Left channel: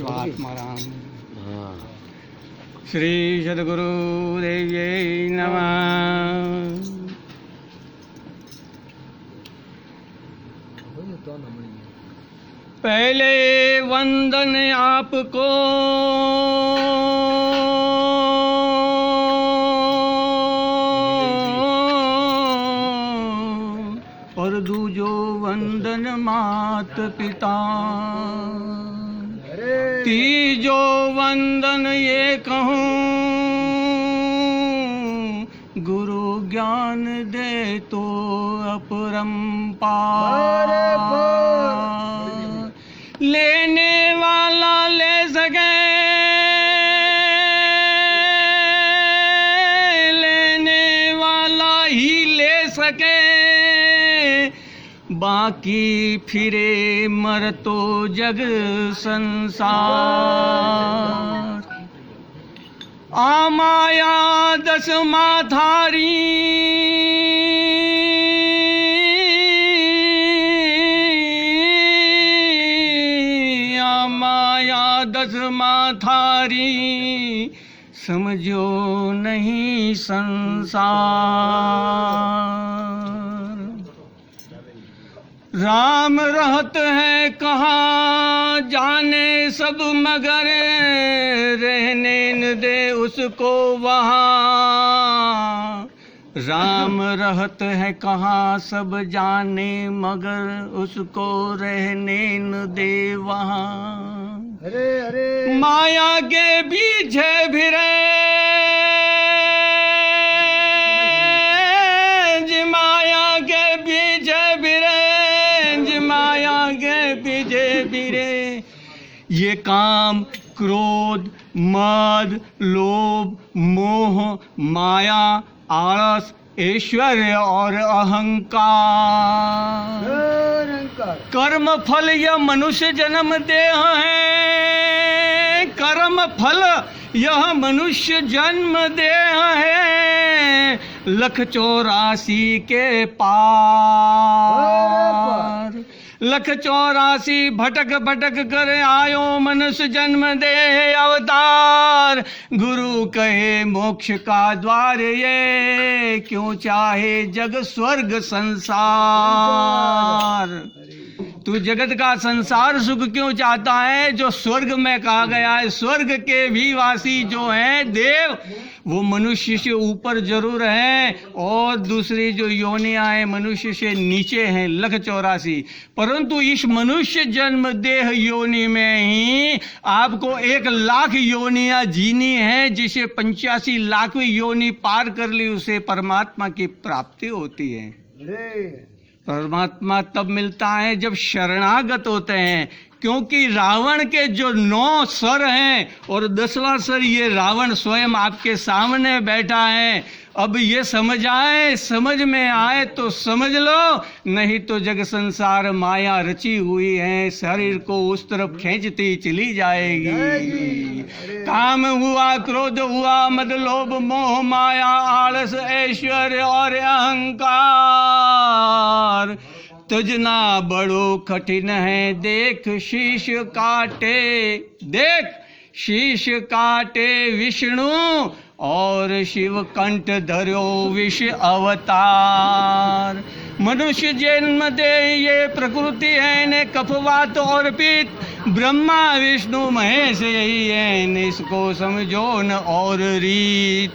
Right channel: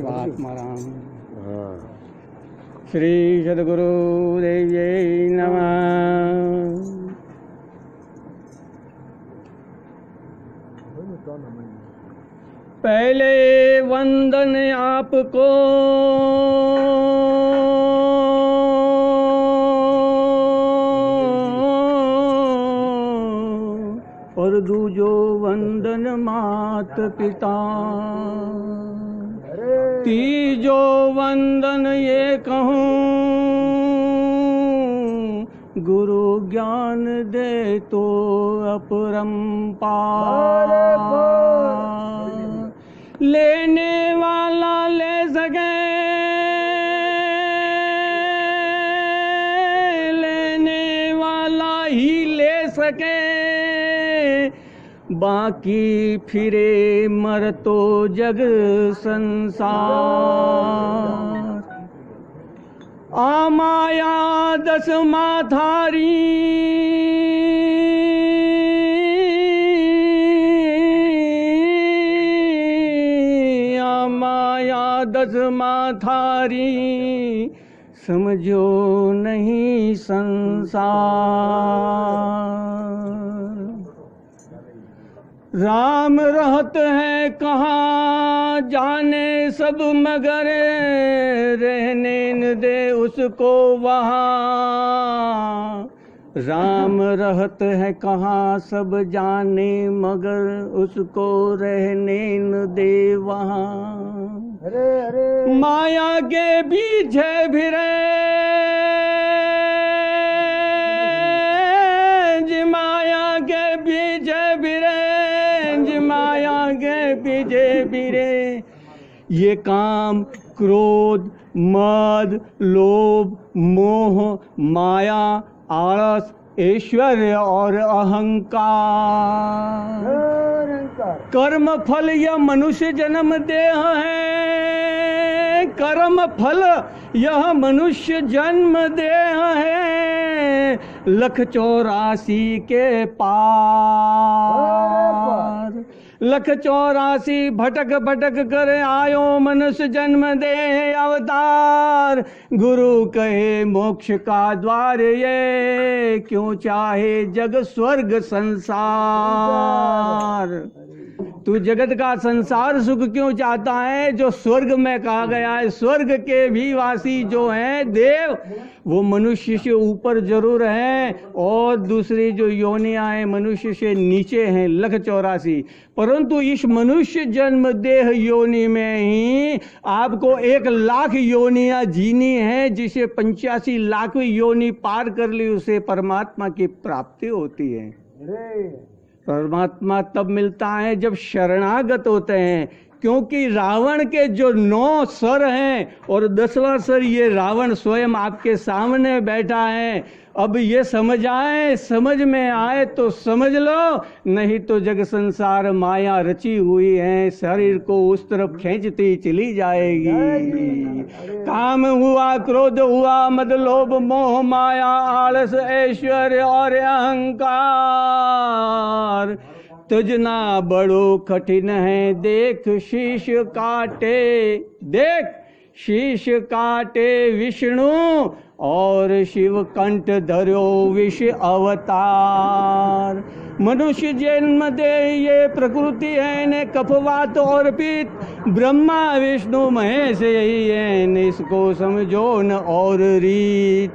शिवात्मा राम। श्री सद्गुरु देव्यै नमः। पहले वंदन आपको और दूजो वंदन मात पिता, तीजो वंदन ये कहूँ गुरु ज्ञान दे तो अपरंपार। लेने वाला ले सके, लेने वाला ही ले सके, बाकी फिरे मर तो जग संसार। आ माया दस माथारी, आ माया दस माथारी, समझो नहीं संसार। राम रहत है कहाँ जाने सब मगर, रहने न दे उसको वहाँ। राम रहत है कहाँ सब जाने मगर, उसको रहने न दे वहाँ। माया के पीछे फिरे, माया के पीछे फिरे, माया के पीछे फिरे। ये काम क्रोध मद लोभ मोह माया आलस ऐश्वर्य और अहंकार। कर्म फल यह मनुष्य जन्म देह है, कर्म फल यह मनुष्य जन्म देह है, 1,84 के पार। 1,84 भटक भटक कर आयो मनुष्य जन्म दे अवतार। गुरु कहे मोक्ष का द्वार ये, क्यों चाहे जग स्वर्ग संसार। तू जगत का संसार सुख क्यों चाहता है, जो स्वर्ग में कहा गया है। स्वर्ग के भी वासी जो हैं देव, वो मनुष्य से ऊपर जरूर हैं, और दूसरी जो योनियां हैं मनुष्य से नीचे हैं 1,84। परंतु इस मनुष्य जन्म देह योनि में ही आपको 1,00,000 योनियां जीनी है, जिसे 85 लाखवीं योनि पार कर ली उसे परमात्मा की प्राप्ति होती है। परमात्मा तब मिलता है जब शरणागत होते हैं, क्योंकि रावण के जो 9 सर हैं और 10वां सर ये रावण स्वयं आपके सामने बैठा है। अब ये समझ आए, समझ में आए तो समझ लो, नहीं तो जग संसार माया रची हुई है, शरीर को उस तरफ खींचती चली जाएगी। काम हुआ क्रोध हुआ मद लोभ मोह माया आलस ऐश्वर्य और अहंकार, तजना बड़ो कठिन है देख शीश काटे। देख शीश काटे विष्णु और शिव कंठ धरो विष अवतार। मनुष्य जन्म दे ये प्रकृति है ने कफवात और पित्त, ब्रह्मा विष्णु महेश यही है, इसको समझो न और रीत।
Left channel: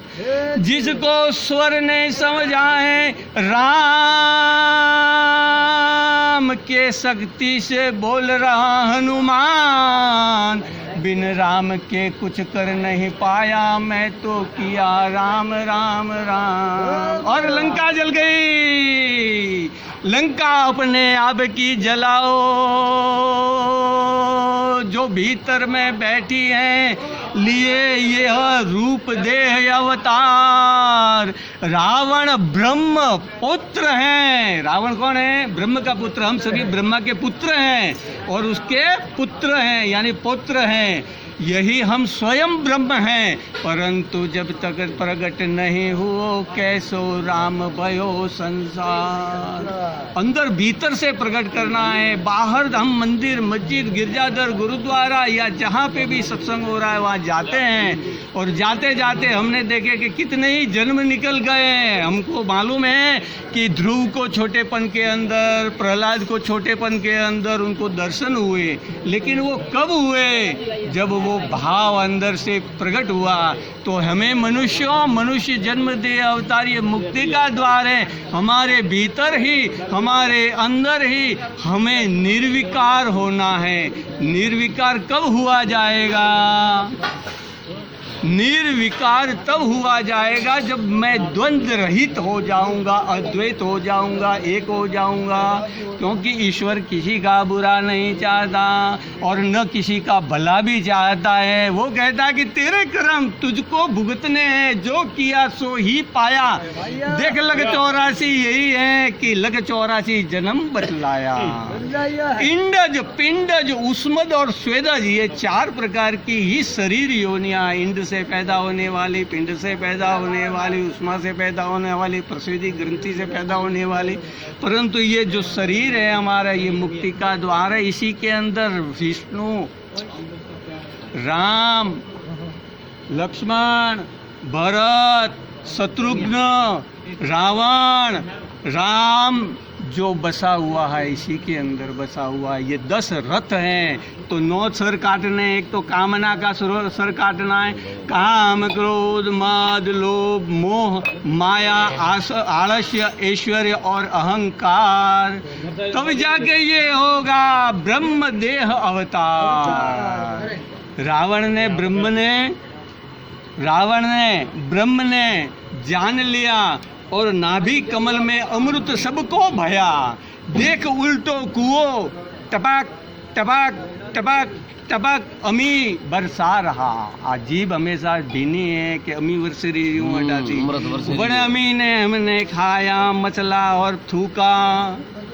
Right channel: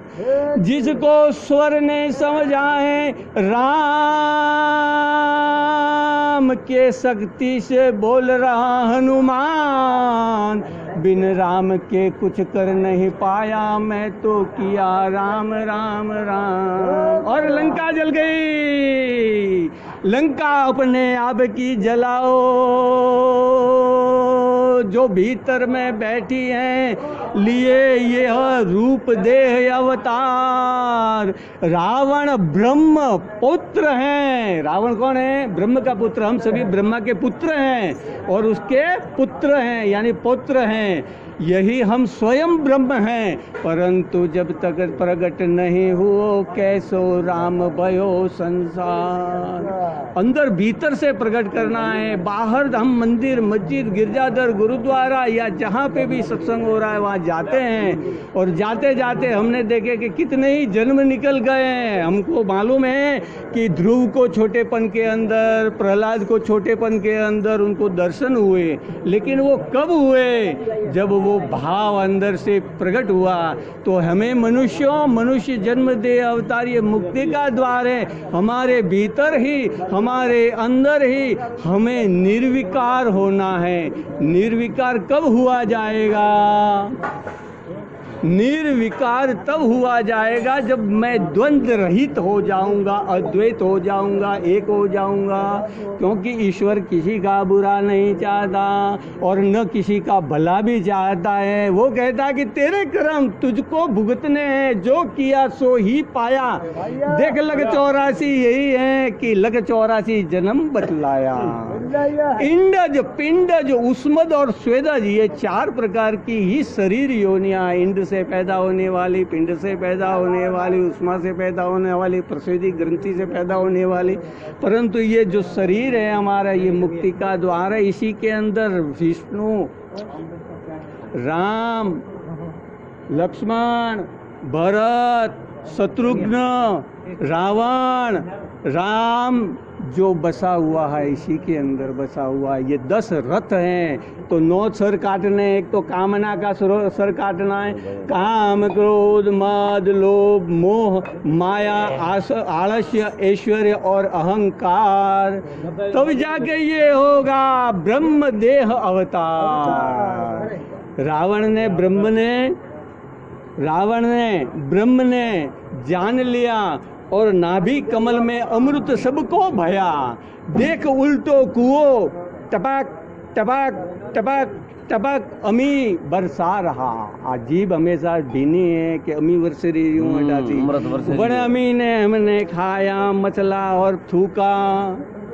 जिसको स्वर नहीं समझ आए राम के शक्ति से बोल रहा हनुमान, बिन राम के कुछ कर नहीं पाया मैं तो किया राम राम राम। और लंका जल गई। लंका अपने आप की जलाओ, जो भीतर में बैठी हैं लिए यह रूप देह अवतार। रावण ब्रह्म पुत्र हैं। रावण कौन है? ब्रह्म का पुत्र। हम सभी ब्रह्मा के पुत्र हैं और उसके पुत्र हैं, यानी पुत्र हैं। यही हम स्वयं ब्रह्म हैं, परंतु जब तक प्रकट नहीं हुओ कैसो राम भयो संसार। अंदर भीतर से प्रकट करना है। बाहर हम मंदिर, मस्जिद, गिरजाघर, गुरुद्वारा या जहाँ पे भी सत्संग हो रहा है वहाँ जाते हैं, और जाते जाते हमने देखे कि कितने ही जन्म निकल गए हैं। हमको मालूम है कि ध्रुव को छोटेपन के अंदर, प्रहलाद को छोटेपन के अंदर उनको दर्शन हुए, लेकिन वो कब हुए? जब वो भाव अंदर से प्रकट हुआ। तो हमें मनुष्य जन्म दे अवतार, ये मुक्ति का द्वार है। हमारे भीतर ही, हमारे अंदर ही हमें निर्विकार होना है। निर्विकार कब हुआ जाएगा? निर्विकार तब हुआ जाएगा जब मैं द्वंद्व रहित हो जाऊंगा, अद्वैत हो जाऊंगा, एक हो जाऊंगा। क्योंकि ईश्वर किसी का बुरा नहीं चाहता और न किसी का भला भी चाहता है। वो कहता है कि तेरे कर्म तुझको भुगतने हैं, जो किया सो ही पाया। देख लग 84 यही है कि लग 84 जन्म बतलाया। इंडज, पिंडज, उस्मद और स्वेदज, ये 4 प्रकार की ही शरीर योनियां। इंड से पैदा होने वाली, पिंड से पैदा होने वाली, उष्मा से पैदा होने वाली, प्रसूति ग्रंथि से पैदा होने वाली। परंतु ये जो शरीर है हमारा, ये मुक्ति का द्वार है। इसी के अंदर विष्णु, राम, लक्ष्मण, भरत, शत्रुघ्न, रावण, राम जो बसा हुआ है, इसी के अंदर बसा हुआ है। ये 10 रथ हैं। तो 9 सर काटने, एक तो कामना का सर काटना है। काम, क्रोध, मद, लोभ, मोह, माया, आलस्य, ऐश्वर्य और अहंकार। तब जाके ये होगा ब्रह्म देह अवतार। रावण ने ब्रह्म ने जान लिया और नाभि कमल में अमृत सबको भया। देख उल्टो कुओं, टपक टपक टपक टपक अमी बरसा रहा। अजीब हमेशा भीनी है कि अमी वर्ष रही हूँ हटाती। बड़े अमी ने हमने खाया मचला और थूका,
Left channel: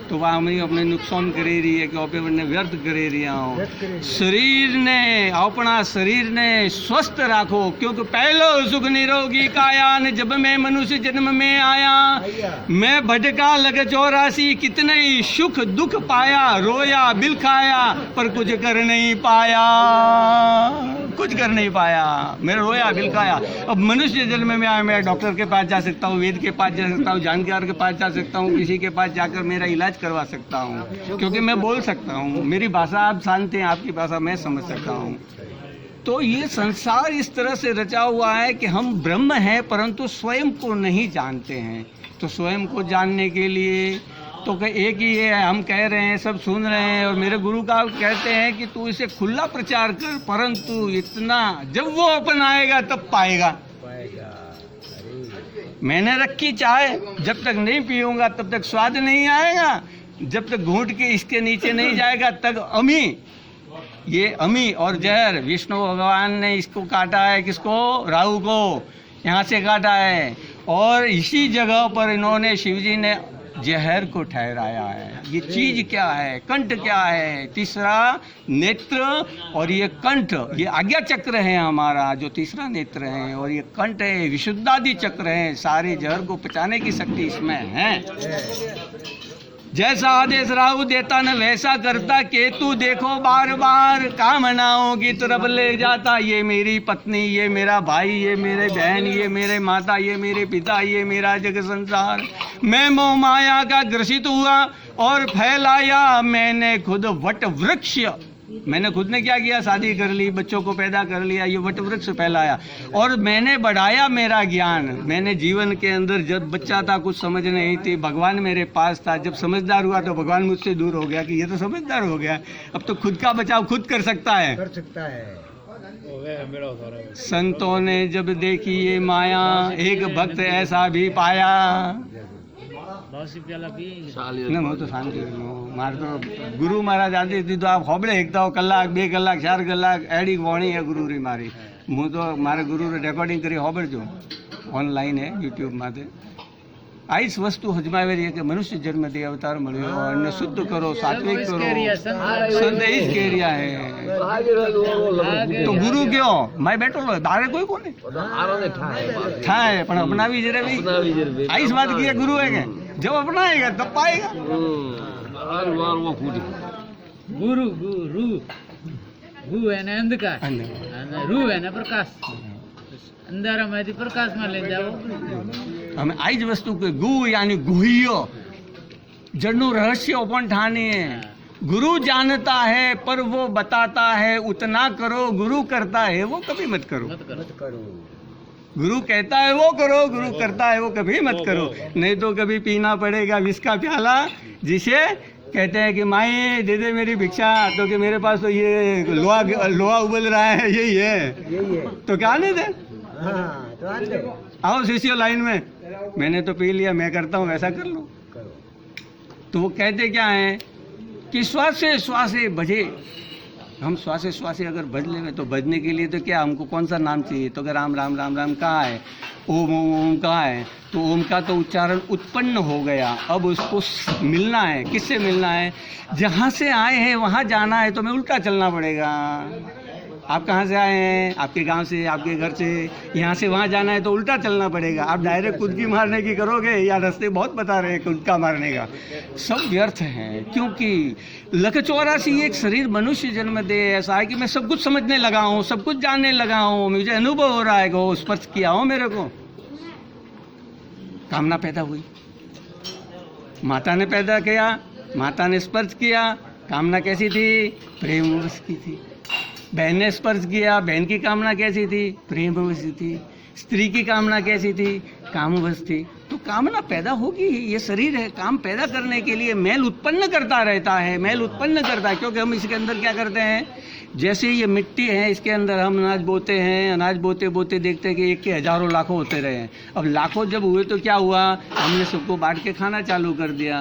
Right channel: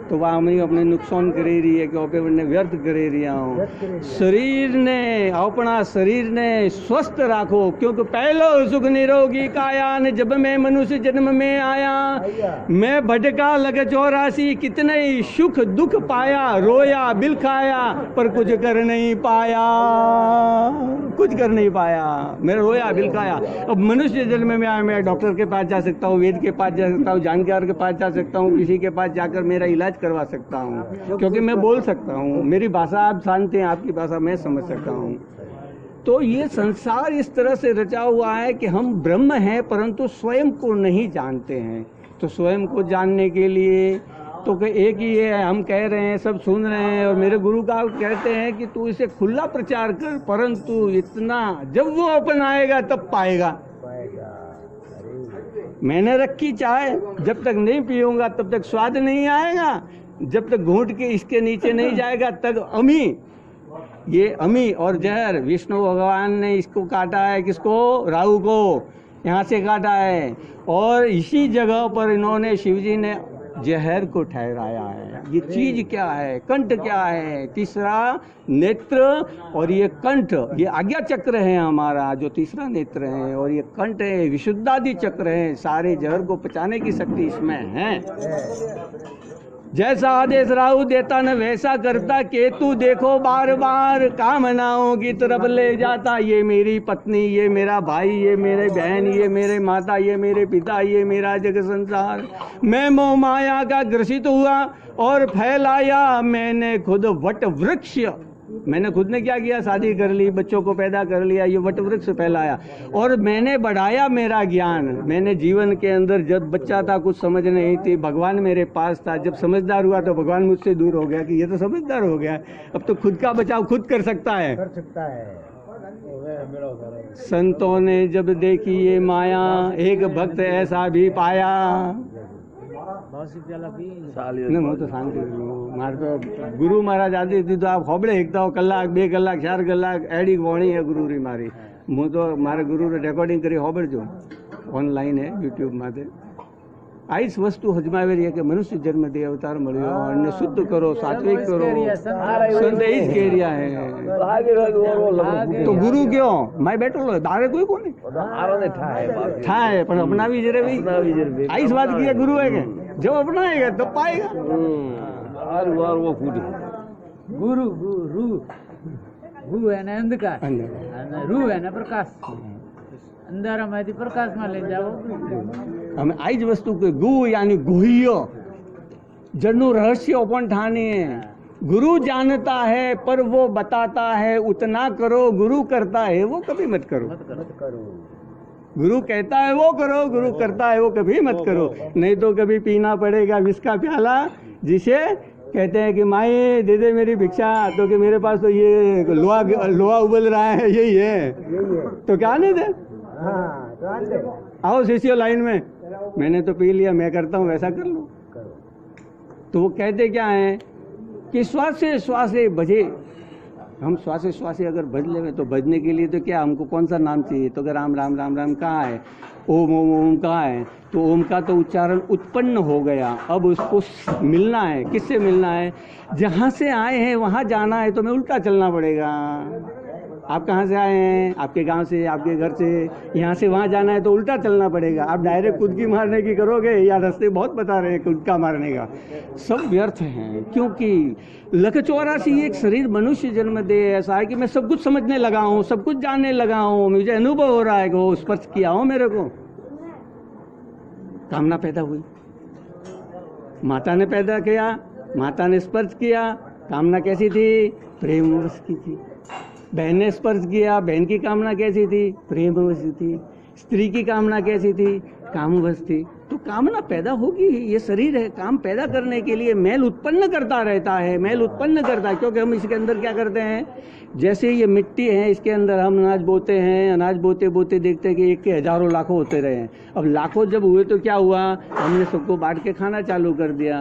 तो वह अमी अपने नुकसान करे रही है कि अपने व्यर्थ करे रिया हूँ। शरीर ने, अपना शरीर ने स्वस्थ राखो, क्योंकि पहलो सुख निरोगी काया ने जब मैं मनुष्य जन्म में आया। मैं भटका लग 84, कितने ही सुख दुख पाया, रोया बिलखाया पर कुछ कर नहीं पाया, कुछ कर नहीं पाया। मैं रोया बिलखाया। अब मनुष्य जन्म में आया, मैं डॉक्टर के पास जा सकता हूँ, वेद के पास जा सकता हूँ, जानकार के पास जा सकता हूँ, किसी के पास जाकर मेरा इलाज करवा सकता हूँ, क्योंकि मैं बोल सकता हूँ, मेरी भाषा आप जानते हैं, आपकी भाषा मैं समझ सकता हूँ। तो ये संसार इस तरह से रचा हुआ है कि हम ब्रह्म हैं परंतु स्वयं को नहीं जानते हैं। तो स्वयं को जानने के लिए तो एक ही है, हम कह रहे हैं, सब सुन रहे हैं, और मेरे गुरु का कहते हैं कि तू इसे खुला प्रचार कर, परंतु इतना जब वो अपन आएगा तब पाएगा। मैंने रखी चाय, जब तक नहीं पीऊंगा तब तक स्वाद नहीं आएगा, जब तक घूंट के इसके नीचे नहीं जाएगा तब अमी, ये अमी और जहर। विष्णु भगवान ने इसको काटा है, किसको? राहु को यहाँ से काटा है, और इसी जगह पर इन्होंने, शिवजी ने जहर को ठहराया है। ये चीज क्या है? कंठ क्या है? तीसरा नेत्र, और ये कंठ, ये आज्ञा चक्र है हमारा, जो तीसरा नेत्र है, और ये कंठ है, विशुद्धादि चक्र है। सारे जहर को पचाने की शक्ति इसमें है। जैसा आदेश राहु देता न वैसा करता केतु, देखो बार बार कामनाओं की तरफ ले जाता। ये मेरी पत्नी, ये मेरा भाई, ये मेरे बहन, ये मेरे माता, ये मेरे पिता, ये मेरा जग संसार। मैं मोह माया का ग्रसित हुआ और फैलाया मैंने खुद वट वृक्ष। मैंने खुद ने क्या किया? शादी कर ली, बच्चों को पैदा कर लिया, ये वट वृक्ष फैलाया, और मैंने बढ़ाया मेरा ज्ञान। मैंने जीवन के अंदर, जब बच्चा था कुछ समझ नहीं थी, भगवान मेरे पास था। जब समझदार हुआ तो भगवान मुझसे दूर हो गया कि ये तो समझदार हो गया, अब तो खुद का बचाव खुद कर सकता है। संतों ने जब देखी ये माया, एक भक्त ऐसा भी पाया। હું તો શાંતિ મારે તો ગુરુ મહારાજ આદિ દીધું આ હોબળે એકતા કલાક 2 કલાક 4 કલાક એડી વણી है गुरु री मारी। હું તો મારે ગુરુ રેકોર્ડિંગ કરી હોબળજો, ઓનલાઈન है यूट्यूब माथे। આઈસ વસ્તુ હજમાવી રહી કે મનુષ્ય જન્મ દે અવતાર મળ્યો અને શુદ્ધ કરો સાત્વિક કરો સંદેશ કેરિયા હે તો ગુરુ કયો मैं बैठो दारे कोई को नहीं थाए पण अपनावी जरे भी आइस बात किया गुरु है के जब अपनाएगा तब पाएगा गुरु गुरु गु એને અંધકાર અને રૂ એને પ્રકાશ અંધારામાંથી પ્રકાશમાં લઈ જાવ અમે આ જ વસ્તુ કે ગુ यानी ગુહ્ય જડનું રહસ્ય પણ ઠાને गुरु जानता है पर वो बताता है उतना करो गुरु करता है वो कभी मत करो गुरु कहता है वो करो गुरु करता है वो कभी मत करो नहीं तो कभी पीना पड़ेगा विष का प्याला जिसे कहते हैं कि माई दे दे मेरी भिक्षा तो कि मेरे पास तो ये लोहा उबल रहा है यही है तो क्या नहीं दे आओ शिष्य लाइन में मैंने तो पी लिया मैं करता हूँ वैसा कर लो तो वो कहते क्या है कि श्वासे श्वासे भजे हम श्वासे श्वासे अगर भज लेंगे तो भजने के लिए तो क्या हमको कौन सा नाम चाहिए तो कि राम राम राम राम कहाँ है ओम ओम ओम कहाँ है तो ओम का तो उच्चारण उत्पन्न हो गया अब उसको मिलना है किससे मिलना है जहाँ से आए हैं वहाँ जाना है तो मैं उल्टा चलना पड़ेगा आप कहाँ से आए हैं आपके गांव से आपके घर से यहाँ से वहाँ जाना है तो उल्टा चलना पड़ेगा आप डायरेक्ट कुदकी मारने की करोगे या रास्ते बहुत बता रहे हैं कुदका मारने का सब व्यर्थ है क्योंकि 184 एक शरीर मनुष्य जन्म दे ऐसा है कि मैं सब कुछ समझने लगा हूँ सब कुछ जानने लगा हूँ मुझे अनुभव हो रहा है कि वो स्पर्श किया हो मेरे को कामना पैदा हुई माता ने पैदा किया माता ने स्पर्श किया कामना कैसी थी प्रेम वश की थी बहन ने स्पर्श किया बहन की कामना कैसी थी प्रेमवश थी स्त्री की कामना कैसी थी कामवश थी तो कामना पैदा होगी ये शरीर है काम पैदा करने के लिए मैल उत्पन्न करता रहता है मैल उत्पन्न करता है क्योंकि हम इसके अंदर क्या करते हैं जैसे ये मिट्टी है इसके अंदर हम अनाज बोते हैं अनाज बोते बोते देखते हैं कि एक के हजारों लाखों होते रहे अब लाखों जब हुए तो क्या हुआ हमने सबको बांट के खाना चालू कर दिया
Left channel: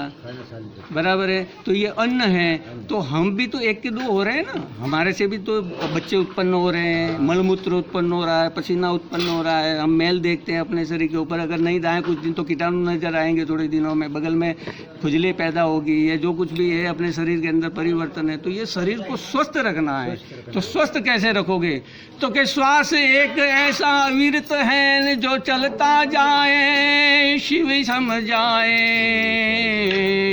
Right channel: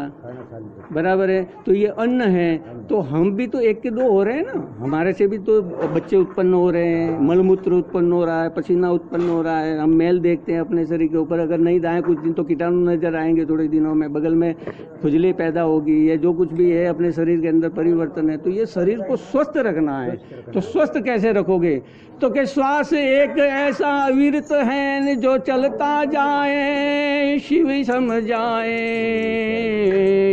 बराबर है तो ये अन्न है तो हम भी तो एक के दो हो रहे हैं ना हमारे से भी तो बच्चे उत्पन्न हो रहे हैं मलमूत्र उत्पन्न हो रहा है पसीना उत्पन्न हो रहा है हम मैल देखते हैं अपने शरीर के ऊपर अगर नहीं दाएं कुछ दिन तो कीटाणु नजर आएंगे थोड़े दिनों में बगल में खुजली पैदा होगी या जो कुछ भी है अपने शरीर के अंदर परिवर्तन है तो ये शरीर को स्वस्थ रखना है तो स्वस्थ कैसे रखोगे तो कि श्वास एक ऐसा अविरत है जो चलता जाए शिव सम जाए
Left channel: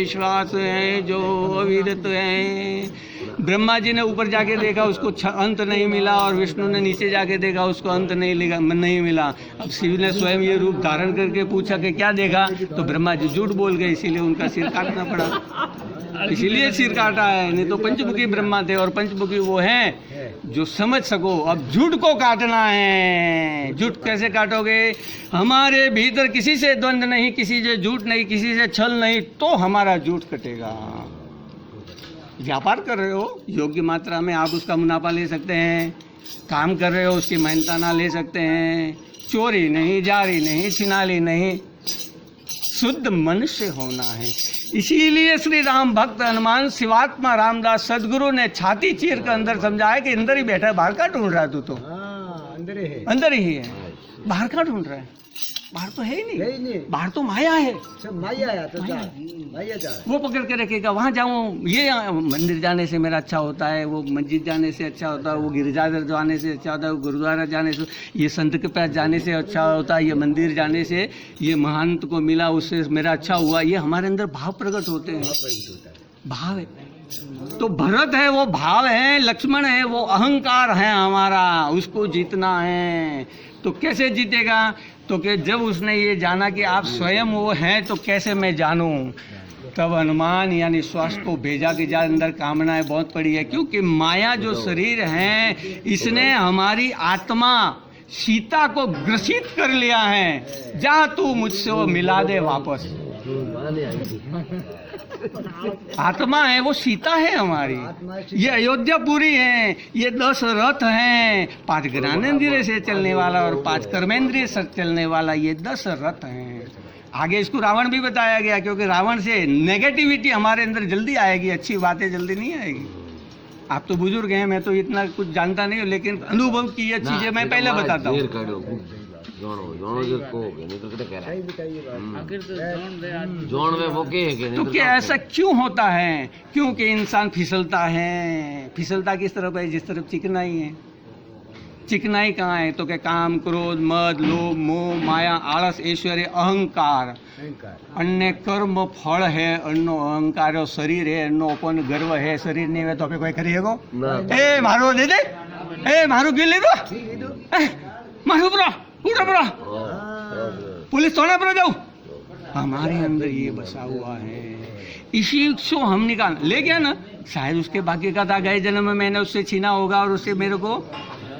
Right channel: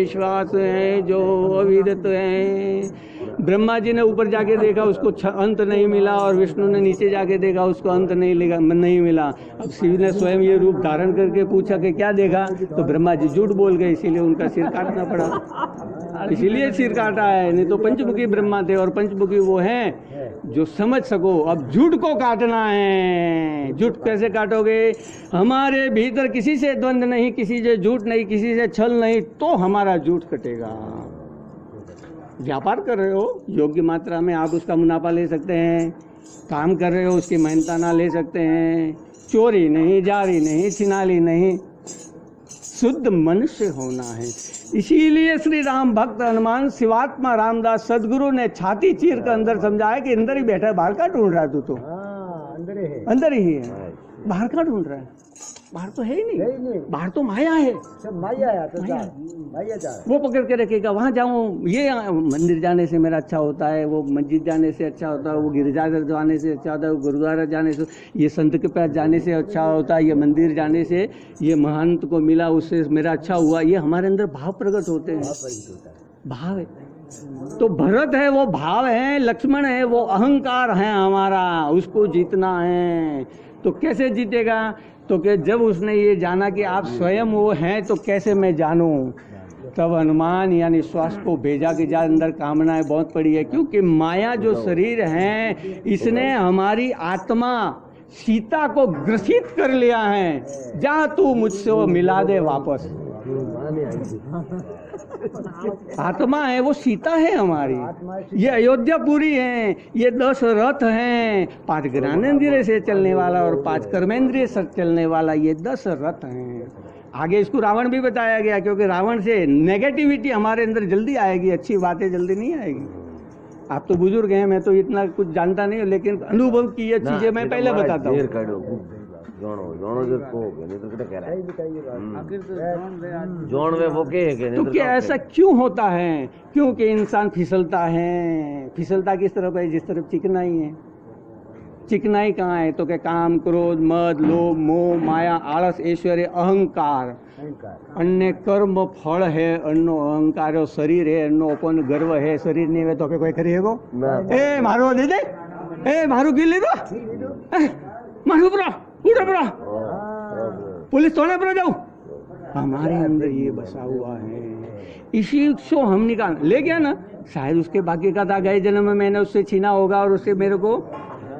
श्वास है जो अविरत है ब्रह्मा जी ने ऊपर जाके देखा उसको अंत नहीं मिला और विष्णु ने नीचे जाके देखा उसको अंत नहीं मिला अब शिव ने स्वयं ये रूप धारण करके पूछा कि क्या देखा तो ब्रह्मा जी झूठ बोल गए इसीलिए उनका सिर काटना पड़ा इसीलिए सिर काटा है नहीं तो पंचमुखी ब्रह्मा थे और पंचमुखी वो हैं जो समझ सको अब झूठ को काटना है झूठ कैसे काटोगे हमारे भीतर किसी से द्वंद नहीं किसी से झूठ नहीं किसी से छल नहीं तो हमारा झूठ कटेगा व्यापार कर रहे हो योग्य मात्रा में आप उसका मुनाफा ले सकते हैं काम कर रहे हो उसकी मेहनताना ले सकते हैं चोरी नहीं जारी नहीं छिनाली नहीं शुद्ध मनुष्य होना है इसीलिए श्री राम भक्त हनुमान शिवात्मा रामदास सदगुरु ने छाती चीर कर अंदर समझाया कि अंदर ही बैठा है बाहर का ढूंढ रहा है तू तो अंदर ही है बाहर का ढूंढ रहा है बाहर तो है ही नहीं बाहर तो माया है सब माया है तो माया जा वो पकड़ के रखेगा वहाँ जाऊँ ये मंदिर जाने से मेरा अच्छा होता है वो मस्जिद जाने से अच्छा होता है वो गिरजाघर जाने से अच्छा होता है वो गुरुद्वारा जाने से ये संत के पास जाने से अच्छा होता है ये मंदिर जाने से ये महंत को मिला उससे मेरा अच्छा हुआ ये हमारे अंदर भाव प्रकट होते हैं भाव है तो भरत है वो भाव है लक्ष्मण है वो अहंकार है हमारा उसको जीतना है तो कैसे जीतेगा तो कि जब उसने ये जाना कि आप स्वयं वो हैं तो कैसे मैं जानूं तब हनुमान यानी श्वास को भेजा कि जा अंदर कामनाएं बहुत पड़ी है क्योंकि माया जो शरीर है इसने हमारी आत्मा सीता को ग्रसित कर लिया है जा तू मुझसे वो मिला दे वापस आत्मा है वो सीता है हमारी ये अयोध्या पूरी है ये 10 रथ हैं 5 ज्ञानेंद्रिय से चलने वाला और 5 कर्मेंद्रिय से चलने वाला ये 10 रथ हैं आगे इसको रावण भी बताया गया क्योंकि रावण से नेगेटिविटी हमारे अंदर जल्दी आएगी अच्छी बातें जल्दी नहीं आएगी आप तो बुजुर्ग हैं मैं तो इतना कुछ जानता नहीं हूँ लेकिन अनुभव की ये चीजें मैं पहले बताता हूँ जोनो जिसको हो गया, नहीं तो क्या कह रहा सही है बताइए बात आखिर तो जोन दे आदमी। जोन में मोके है कि नहीं तो क्या ऐसा क्यों होता है? क्योंकि इंसान फिसलता है। फिसलता किस तरफ है? जिस तरफ चिकनाई है। चिकनाई कहाँ है? तो क्या काम, क्रोध, मद, लोभ, मोह, माया, आलस, ऐश्वर्य, अहंकार। अहंकार अन्य कर्म फल है, अन्नो अहंकार है, शरीर है, अन्नो अपन गर्व है। शरीर नहीं है तो कोई करिएगो? ना ए मारो दे दे, ए मारू पी ले दो, मारू पड़ा उड़ा पड़ा, पुलिस थोड़े पर जाओ। हमारे अंदर ये बसा हुआ है, इसी को हम निकाल ले गया ना। शायद उसके बाकी का था, गए जन्म में मैंने उससे छीना होगा और उससे मेरे को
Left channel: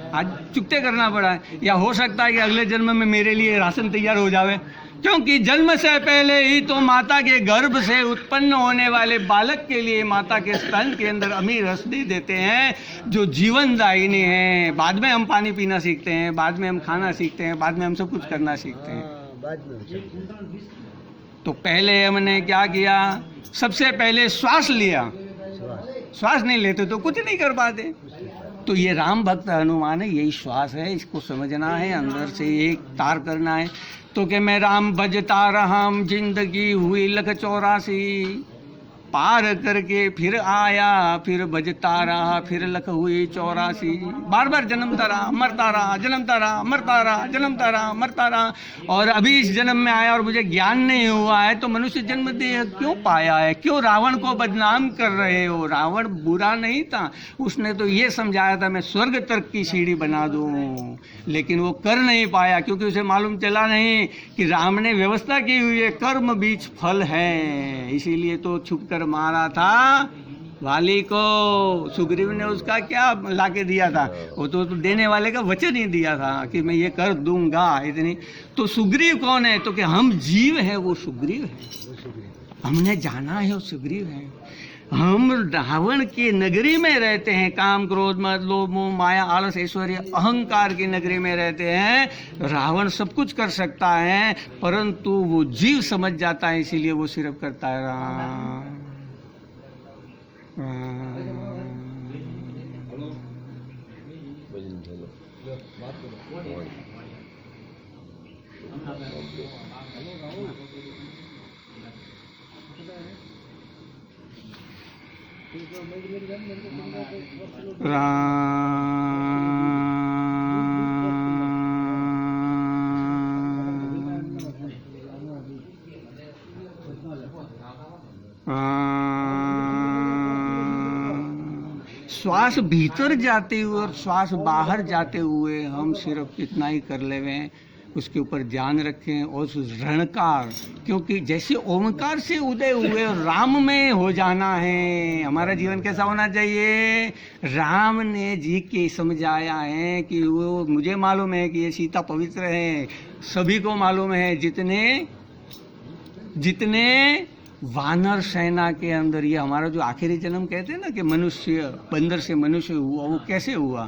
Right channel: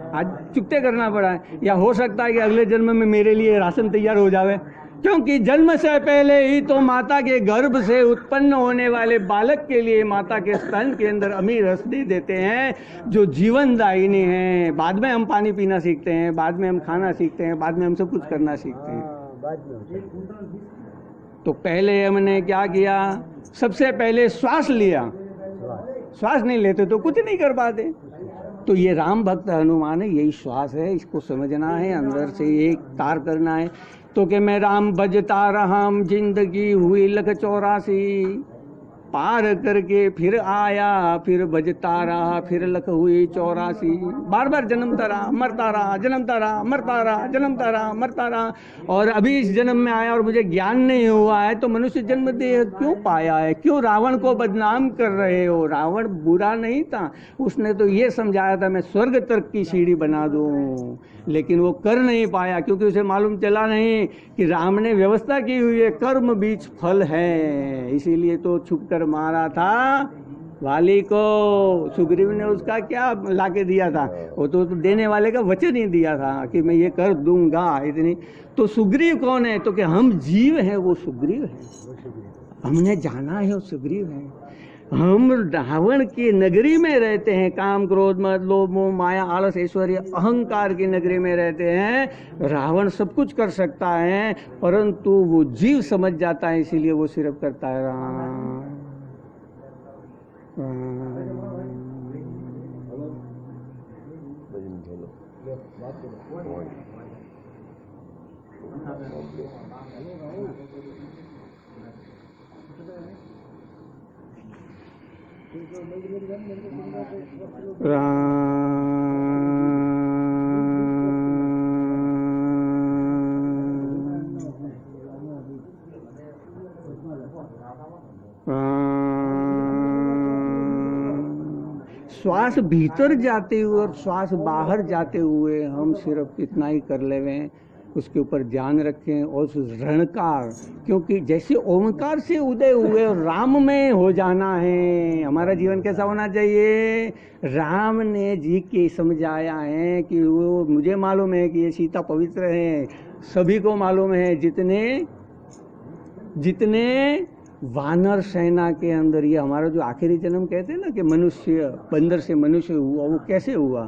आज चुकते करना पड़ा है। या हो सकता है कि अगले जन्म में मेरे लिए राशन तैयार हो जावे, क्योंकि जन्म से पहले ही तो माता के गर्भ से उत्पन्न होने वाले बालक के लिए माता के स्तन के अंदर अमीर रसदी देते हैं जो जीवनदायिनी है। बाद में हम पानी पीना सीखते हैं, बाद में हम खाना सीखते हैं, बाद में हम सब कुछ करना सीखते हैं। बाद में हो सकता है। तो पहले हमने क्या किया? सबसे पहले श्वास लिया। श्वास श्वास नहीं लेते तो कुछ नहीं कर पाते। तो ये राम भक्त हनुमान है, यही श्वास है, इसको समझना है, अंदर से एक तार करना है। तो कि मैं राम भजता रहा, जिंदगी हुई लख 84, पार करके फिर आया, फिर भजता रहा, फिर लख हुई 84। बार बार जन्मता रहा, मरता रहा, जन्मता रहा, मरता रहा, जन्मता रहा, मरता रहा। और अभी इस जन्म में आया और मुझे ज्ञान नहीं हुआ है तो मनुष्य जन्म देह क्यों पाया है? क्यों रावण को बदनाम कर रहे हो? रावण बुरा नहीं था, उसने तो ये समझाया था मैं स्वर्ग तक की सीढ़ी बना दूं, लेकिन वो कर नहीं पाया क्योंकि उसे मालूम चला नहीं कि राम ने व्यवस्था की हुई है, कर्म बीच फल है। इसीलिए तो छुप कर मारा था वाली को। सुग्रीव ने उसका क्या लाके दिया था? वो तो देने वाले का वचन ही दिया था कि मैं ये कर दूंगा इतनी। तो सुग्रीव कौन है? तो कि हम जीव हैं, वो सुग्रीव है। हमने जाना है वो सुग्रीव है। हम रावण की नगरी में रहते हैं, काम, क्रोध, मद, लोभ, मोह, माया, आलस, ऐश्वर्य, अहंकार की नगरी में रहते हैं। रावण सब कुछ कर सकता है परंतु वो जीव समझ जाता है, इसीलिए वो सिर्फ करता है राम। श्वास भीतर जाते हुए और श्वास बाहर जाते हुए हम सिर्फ इतना ही कर लेवे, उसके ऊपर ध्यान रखें। और उस रणकार, क्योंकि जैसे ओमकार से उदय हुए राम में हो जाना है। हमारा जीवन कैसा होना चाहिए? राम ने जी के समझाया है कि वो, मुझे मालूम है कि ये सीता पवित्र है, सभी को मालूम है। जितने वानर सेना के अंदर, ये हमारा जो आखिरी जन्म कहते हैं ना कि मनुष्य, बंदर से मनुष्य हुआ, वो कैसे हुआ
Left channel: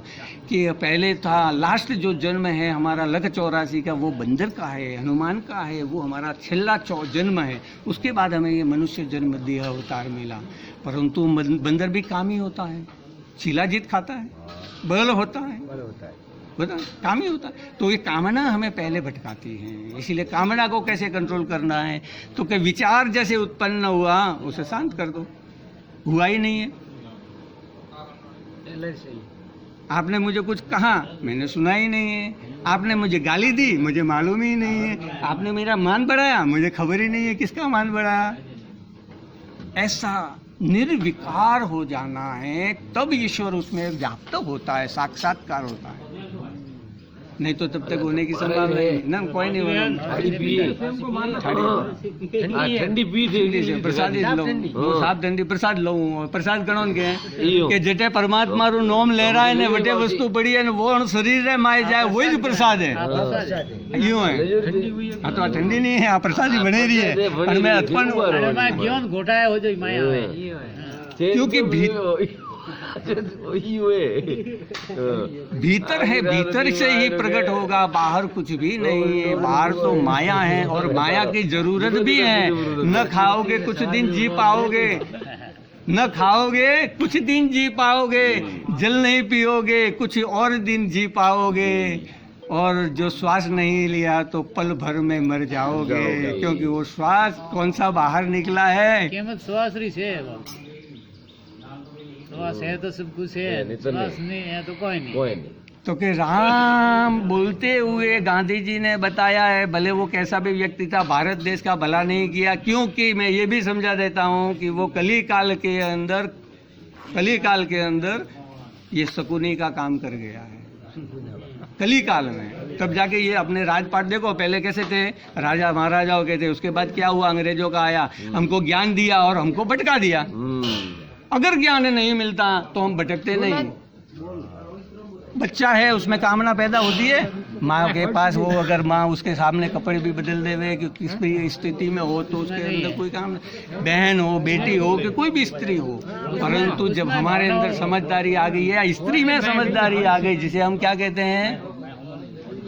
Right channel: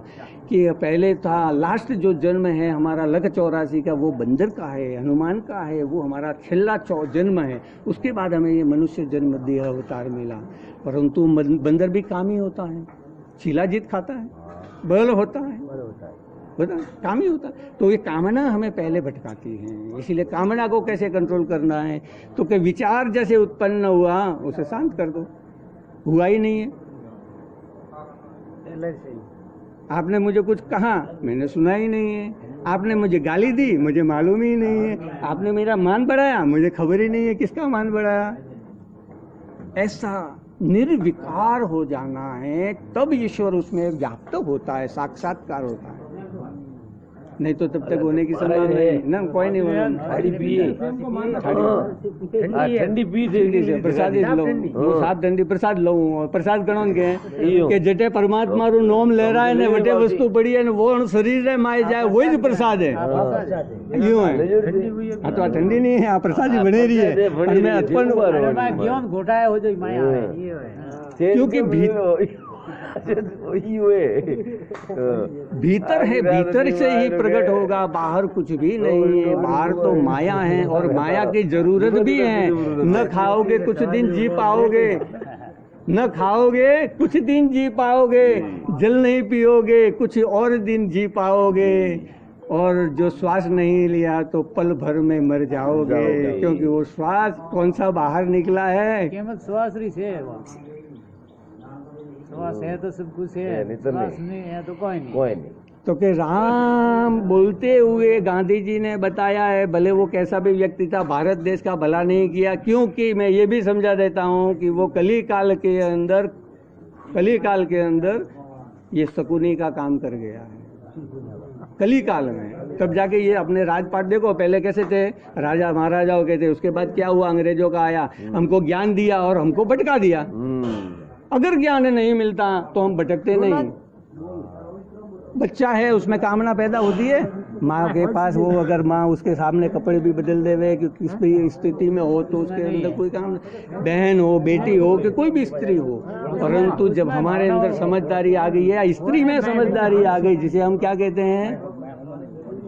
कि पहले था, लास्ट जो जन्म है हमारा लख 84 का, वो बंदर का है, हनुमान का है, वो हमारा छेल्ला जन्म है। उसके बाद हमें ये मनुष्य जन्म देह अवतार मिला। परंतु बंदर भी कामी होता है, शिलाजीत खाता है, बल होता है, काम ही होता है। तो ये कामना हमें पहले भटकाती है। इसीलिए कामना को कैसे कंट्रोल करना है? तो कि विचार जैसे उत्पन्न हुआ उसे शांत कर दो। हुआ ही नहीं है। आपने मुझे कुछ कहा, मैंने सुना ही नहीं है। आपने मुझे गाली दी, मुझे मालूम ही नहीं है। आपने मेरा मान बढ़ाया, मुझे खबर ही नहीं है किसका मान बढ़ाया। ऐसा निर्विकार हो जाना है, तब ईश्वर उसमें व्याप्त होता है, साक्षात्कार होता है। नहीं तो तब तक होने की संभावना नहीं ना, कोई नहीं होगा। ठंडी पी से प्रसाद लो, सात ठंडी प्रसाद लो। प्रसाद गणों के जटे परमात्मा रू नोम ले रहा है ने वटे वस्तु पड़ी है, वो शरीर रे माए जाए, वही प्रसाद है। यूं है, तो ठंडी नहीं है, प्रसाद ही बने रही है। घोटाया हो जाए माया, क्योंकि भीतर है, भीतर से ही प्रकट होगा, बाहर कुछ भी नहीं है। बाहर तो माया है और माया की जरूरत भी है। न खाओगे कुछ दिन जी पाओगे, न खाओगे कुछ दिन जी पाओगे, जल नहीं पियोगे कुछ और दिन जी पाओगे। और जो श्वास नहीं लिया तो पल भर में मर जाओगे, क्योंकि वो श्वास कौन सा बाहर निकला है। केवल श्वास रही से वो श्वास है तो सब कुछ है, नहीं तो श्वास नहीं। नहीं है तो कोई नहीं। कोई नहीं। तो कि राम बोलते हुए गांधी जी ने बताया है, भले वो कैसा भी व्यक्ति था, भारत देश का भला नहीं किया, क्योंकि मैं ये भी समझा देता हूँ कि वो कली काल के अंदर ये शकुनी का काम कर गया है, कली काल में। तब जाके ये अपने राजपाट देखो, पहले कैसे थे, राजा महाराजाओं के थे, उसके बाद क्या हुआ, अंग्रेजों का आया, हमको ज्ञान दिया और हमको भटका दिया। अगर ज्ञान नहीं मिलता तो हम भटकते नहीं। बच्चा है, उसमें कामना पैदा होती है, माँ के पास वो अगर माँ उसके सामने कपड़े भी बदल देवे कि किस भी स्थिति में हो तो उसके अंदर कोई काम, बहन हो, बेटी हो, कि कोई भी स्त्री हो, परंतु जब हमारे अंदर समझदारी आ गई है, स्त्री में समझदारी आ गई, जिसे हम क्या कहते हैं,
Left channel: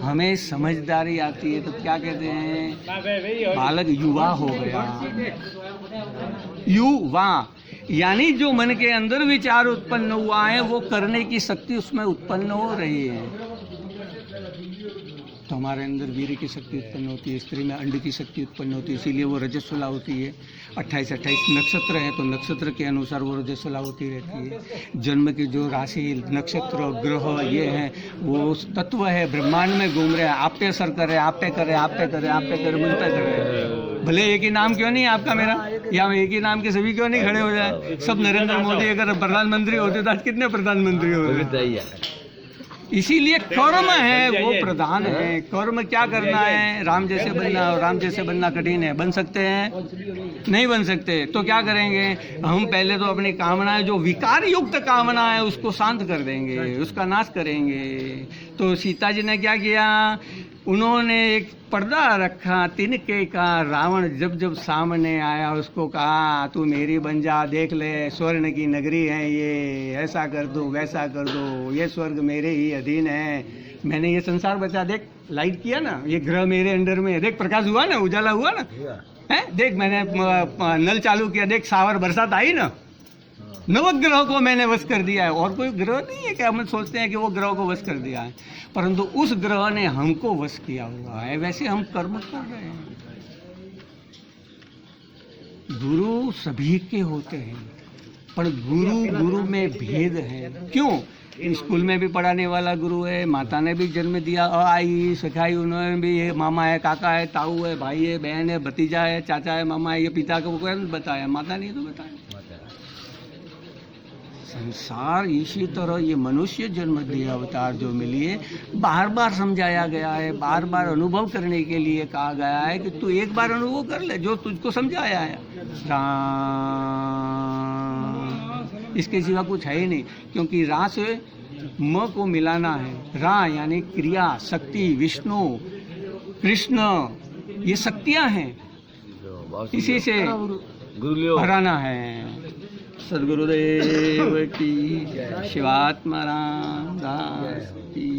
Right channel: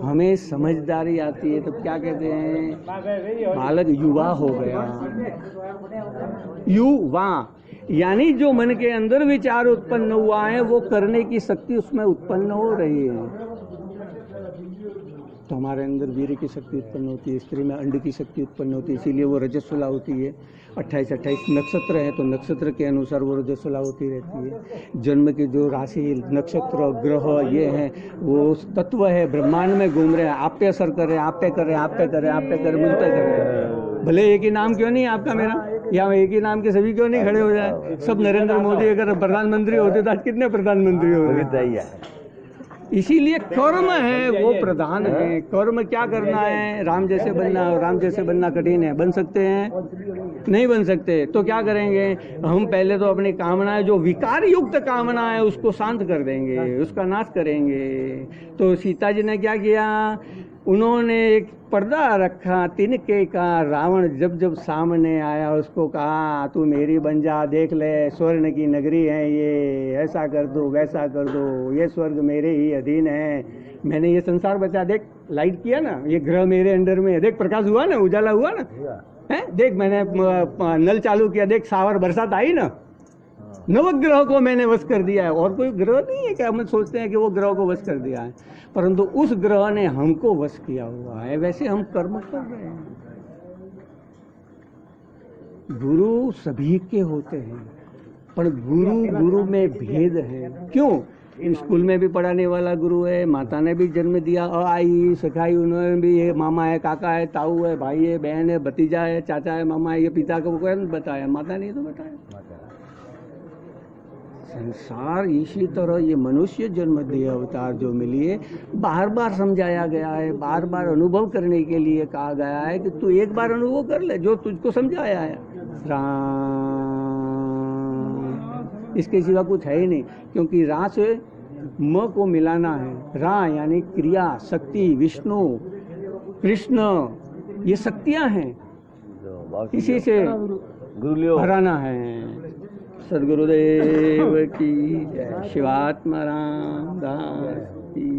हमें समझदारी आती है तो क्या कहते हैं, बालक युवा हो गया। युवा यानी जो मन के अंदर विचार उत्पन्न हुआ है वो करने की शक्ति उसमें उत्पन्न हो रही है। तो हमारे अंदर वीर की शक्ति उत्पन्न होती है, स्त्री में अंड की शक्ति उत्पन्न होती है, इसीलिए वो रजस्वला होती है। 28-28 नक्षत्र हैं तो नक्षत्र के अनुसार वो रजस्वला होती रहती है। जन्म की जो राशि, नक्षत्र, ग्रह ये हैं, वो तत्व है, ब्रह्मांड में घूम रहे हैं, आप पे असर कर रहे हैं, आप पे कर रहे हैं, आप पे कर रहे हैं, आप पे कर मुझ पे कर रहे हैं। भले एक ही नाम क्यों नहीं आपका मेरा, या एक ही नाम के सभी क्यों नहीं खड़े हो जाए। सब नरेंद्र मोदी अगर प्रधानमंत्री होते तो आज कितने प्रधानमंत्री होते। इसीलिए कर्म है वो प्रधान है। कर्म क्या करना है, राम जैसे बनना, और राम जैसे बनना कठिन है। बन सकते हैं? नहीं बन सकते। तो क्या करेंगे हम, पहले तो अपनी कामनाएं, जो विकार युक्त कामना है उसको शांत कर देंगे, उसका नाश करेंगे। तो सीता जी ने क्या किया, उन्होंने एक पर्दा रखा तिनके का। रावण जब जब सामने आया उसको कहा तू मेरी बन जा, देख ले स्वर्ण की नगरी है ये, ऐसा कर दो वैसा कर दो, ये स्वर्ग मेरे ही अधीन है, मैंने ये संसार बचा, देख लाइट किया ना, ये ग्रह मेरे अंडर में है, देख प्रकाश हुआ ना, उजाला हुआ ना, है देख मैंने नल चालू किया, देख सावर बरसात आई ना, नवग्रह को मैंने वश कर दिया है। और कोई ग्रह नहीं है कि हम सोचते हैं कि वो ग्रह को वश कर दिया है, परंतु उस ग्रह ने हमको वश किया हुआ है। वैसे हम कर्म कर रहे हैं। गुरु सभी के होते हैं, पर गुरु में भेद है। क्यों? स्कूल में भी पढ़ाने वाला गुरु है, माता ने भी जन्म दिया, आई सिखाई उन्होंने भी, ये मामा है, काका है, ताऊ है, भाई है, बहन है, भतीजा है, चाचा है, मामा है, ये पिता को बताया, माता ने तो बताया। संसार इसी तरह ये मनुष्य जन्म दिया अवतार जो मिली है, बार बार समझाया गया है, बार बार अनुभव करने के लिए कहा गया है कि तू एक बार अनुभव कर ले जो तुझको समझाया है। राम, इसके सिवा कुछ है ही नहीं, क्योंकि रा से म को मिलाना है। रा यानी क्रिया, शक्ति, विष्णु, कृष्ण, ये शक्तियां हैं, इसी से भराना है। सद्गुरुदेव की जय। शिवात्मा राम दास की